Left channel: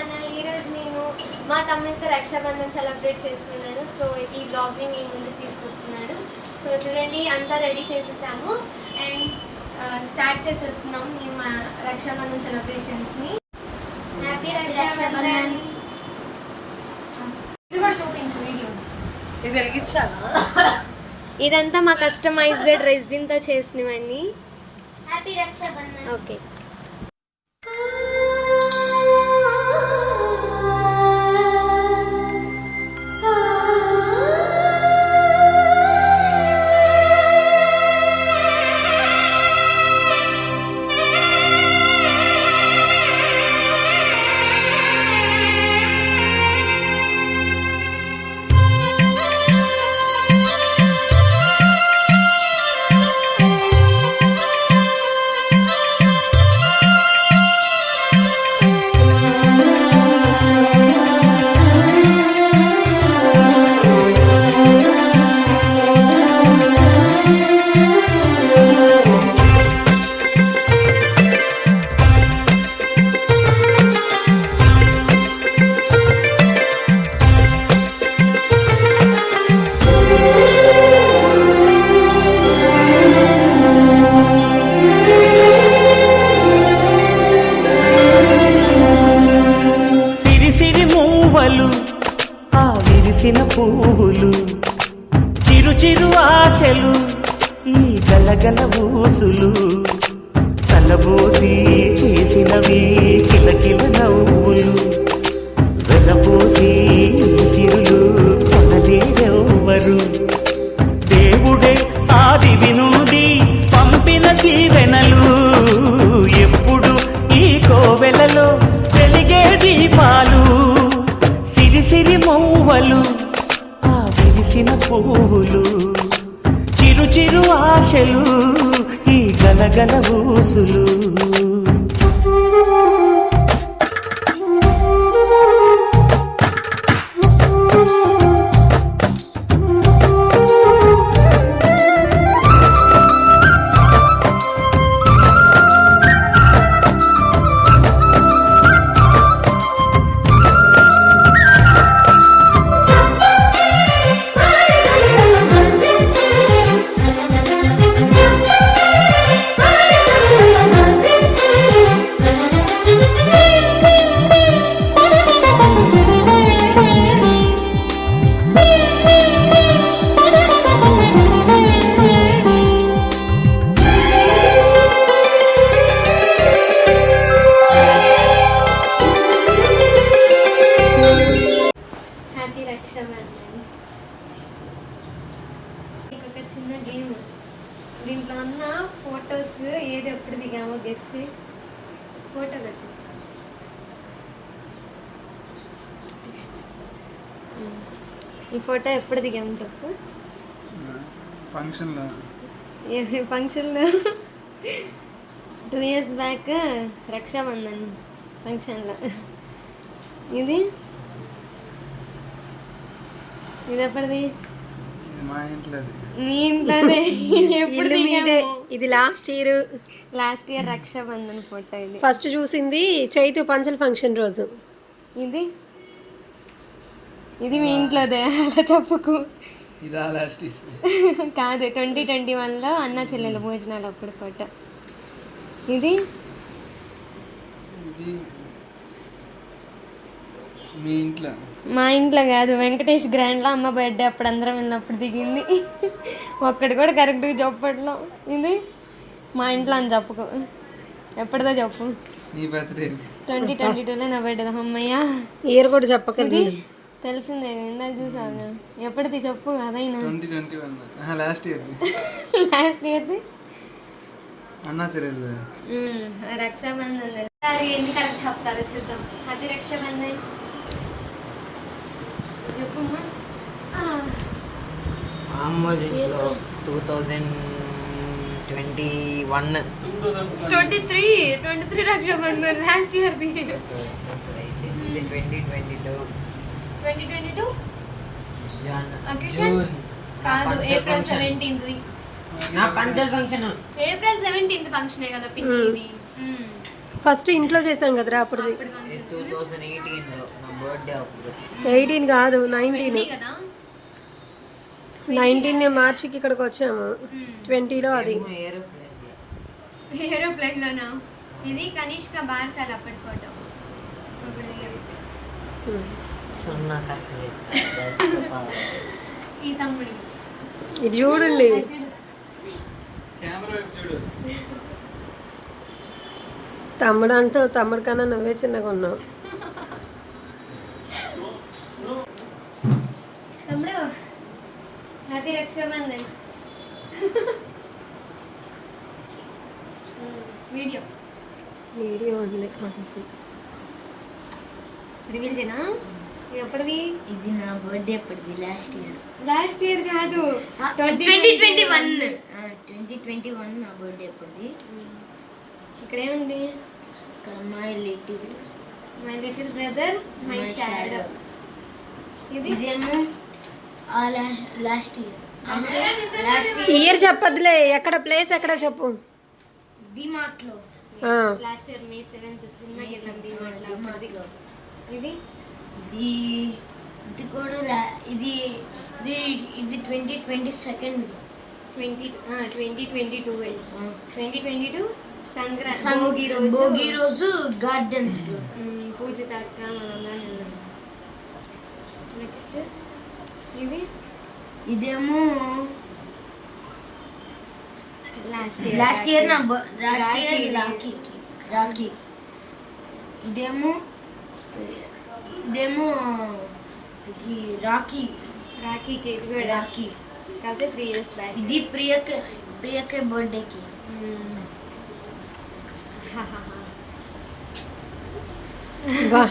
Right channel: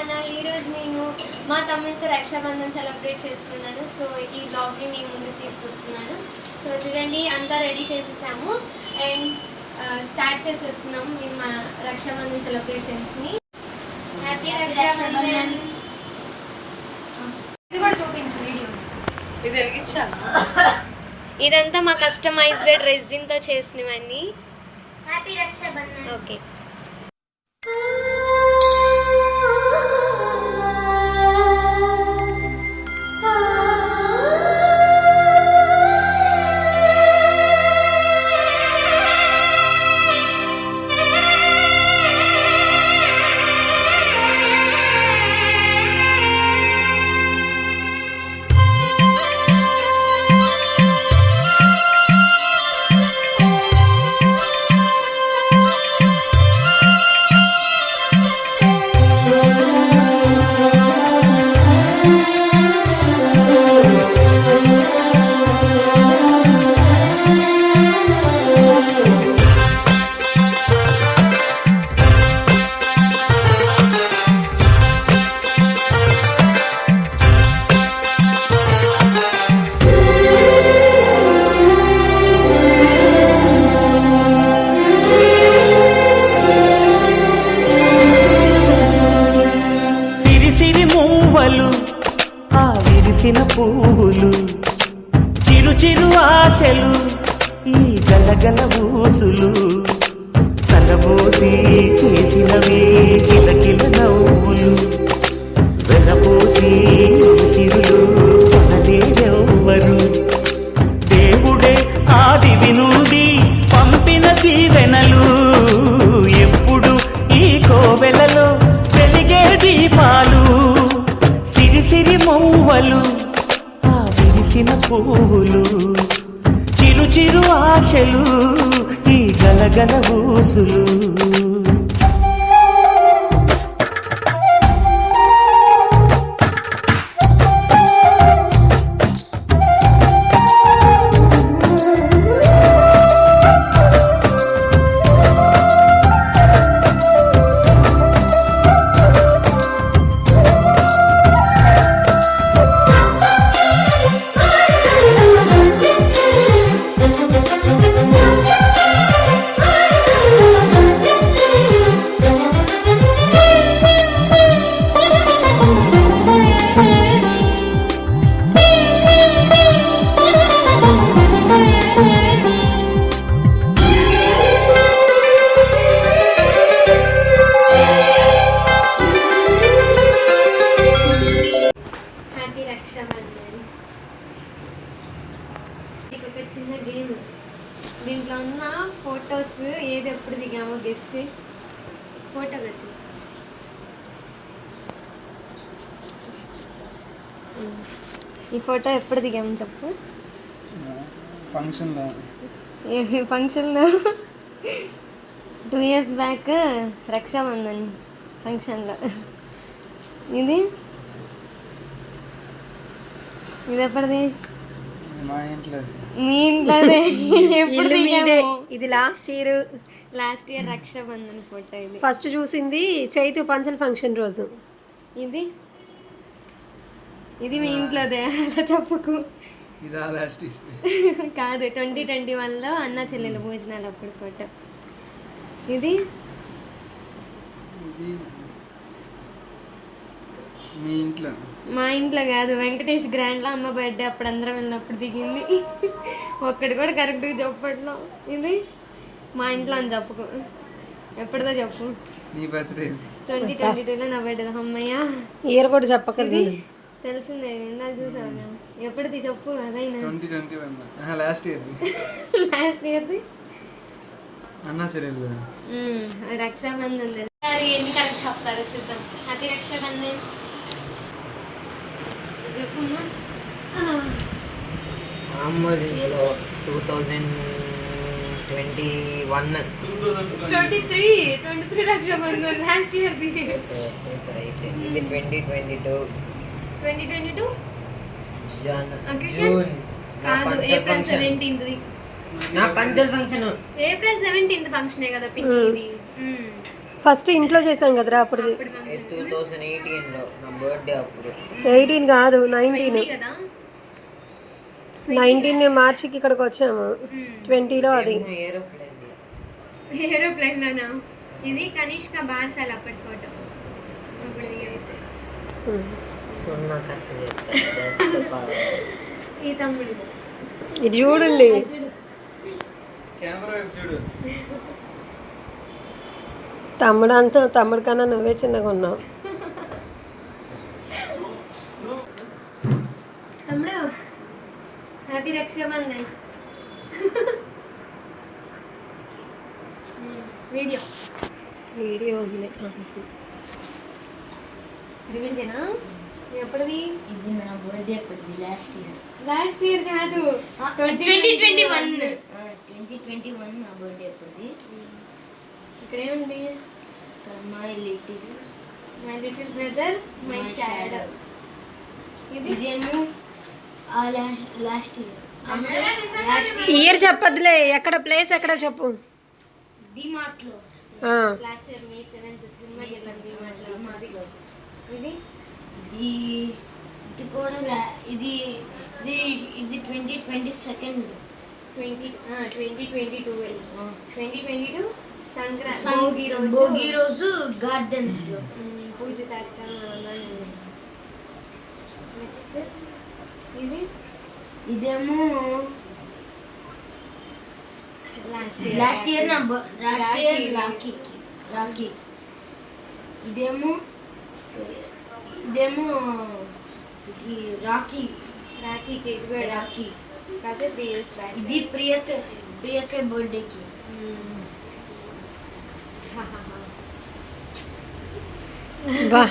Channel. ఈరోజు నేను మా తమ్ముడితో రక్షాబంధన్ సెలబ్రేట్ చేసుకున్నాను. సో ఈ బ్లాగ్ని మీ ముందుకు తీసుకొస్తున్నాను. సో చూడండి, అంతా రెడీ చేసేసాము అండ్ స్టార్ట్ చేసేస్తున్నాం మేము మా రక్షాబంధన్ సెలబ్రేషన్స్ని. హ్యాపీ రక్షాబంధన్. ఇది కూడా చూపించు వీడియో. ఇది వెలిగించాను. ఇదంతా మా కస్టమైజ్డ్ రెజిన్తో చేసినవన్నీ. హ్యాపీ రక్షాబంధన్. ఓకే. ఆ విరిసిన పువ్వులు, చిరు చిరు ఆశలు, ఈ గలగల ఊసులు, తలబోసి చేసినవి కిలకిల నవ్వులు, వెలబోసి సిరులు కొనలేరెవ్వరు. దేవుడే ఆదివి నుండి పంపిన దీవెనలు, ఎప్పుడు ఈ కోవెలలో వెలిగే దీపాలు. సిరి మౌవలు, ఆ విరిసిన పువ్వులు, చిరు చిరు ఆశలు, ఈ గలగల ఊసులు. ఒక చిన్న గేమ్. దీంట్లో ఉన్న ఫొటోస్ ఏది ఎప్పుడు దిగామో గెస్ట్ ఫోటోగా చూపించు. ఈ ఫోటో ఎప్పుడు దిగామని చెప్పు. ఫంక్షన్లో. ఏ ఫంక్షన్లో? 2 years బ్యాక్ రక్షాబంధన్ ఫంక్షన్లో. ఇది ఎప్పటిది? మా ఇంట్లో. మీ ఇంట్లోనే. ఎప్పుడు దిగాము? ఇది లాస్ట్ ఇయర్ రక్షాబంధన్ ఫోటో. ఇది ఫస్ట్ చూసింది చైతు పంచల్ ఫంక్షన్ రోజు. ఇది మీ ఇంట్లోదే, అలా చెప్పుకు. ఇదా లాస్ట్ కాదు, 2021లో అన్న చెల్లెల భోజనాలు అప్పుడు ఫోటో. ఇది మీ ఇంట్లో. మా ఇంట్లో కాదు, వెంకటేష్ గ్రాండ్లో అమ్మ బర్త్డే అప్పుడు అందరం వెళ్ళినప్పుడు దిగింది. ఒక్కటి కూడా కరెక్ట్గా చెప్పట్లో. ఇది మా ఇంట్లో అని చెప్పుకో. ఎప్పటిదో చెప్పు. నీ బర్త్డే 2022లో నా బర్త్డే. అమ్మయ్యా, ఇయర్ కూడా చెప్పగలదు. తెలిసిందే, ఇందాక చూసాను. ఎప్పటిది చెప్పు. అదైనా 2021 లాస్ట్ ఇయర్ది అన్నా చెల్లెలు రక్షాబంధన్. ఎన్ని కరెక్ట్ చెప్తారో చూద్దాం. హ్యాపీ రక్షాబంధన్. అమ్మలో 2021 23 రక్షాబంధన్ లాస్ట్ ఇయర్. ఇది 2022 జూన్. ఏప్రిల్ 17th నా పంచర్ ఫంక్షన్ ఏప్రిల్ 17th ఫంక్షనే కదా పింకీది. ఫస్ట్ ఇంట్లో చేసాం కదరా అప్పుడుది. 2018లో నా బర్త్డే అప్పుడు. 18 కాదు 19. కదా 19 మార్చికి ఇక్కడికి వచ్చాము. 20లో అది. ఏరోప్లేన్లోనా? ఇది కనిష్క బార్సాల్ అప్పటి ఫోటో. అప్పుడు అంతే. సున్నా కరెక్ట్. ఈ తమ్ముడు ఇది చూడండి. కెమెరా వైపు చూడు. తమ్ముడు అంటావు, తమ్ముడు కన్నా నువ్వే చిన్నగా ఉన్నావు. తమ్ముడు హ్యాపీ రక్షాబంధన్. వీడియో వీడియో ఉంది. రివీల్ చేయనా? ఇది ఎప్పటిది? ఇది నా బర్త్డే అప్పటిది లాస్ట్ ఇయర్ కాదు, 2021 నా బర్త్డే అప్పటిది. ఇక్కడ ఏముంది? ఇక్కడ my little brother my shadow. ఇది ఇదేమో లాస్ట్ ఇయర్ చెప్పదులే, ఎక్కడ ప్లేస్ ఎక్కడ చెప్పు. డిమార్ట్లో ఆ, లాస్ట్ ఇయర్ May 7th సినిమాకి వెళ్ళాం మాట్లాడుతుంది. ఇది ఇది కూడా ఇది 2022 2022 సంక్రాంతి భోగి రోజు గార్డెన్స్ లో పూజ తాక నెక్స్ట్. ఇది ఇదేమో లాస్ట్ ఇయర్ రాఖీ. ఇదేమో ఇది రాఖీకి ఇది కూడా రాఖీ. కాకపోతే 3 years బ్యాక్. ఇది ప్రియకే బర్త్డేకి. వా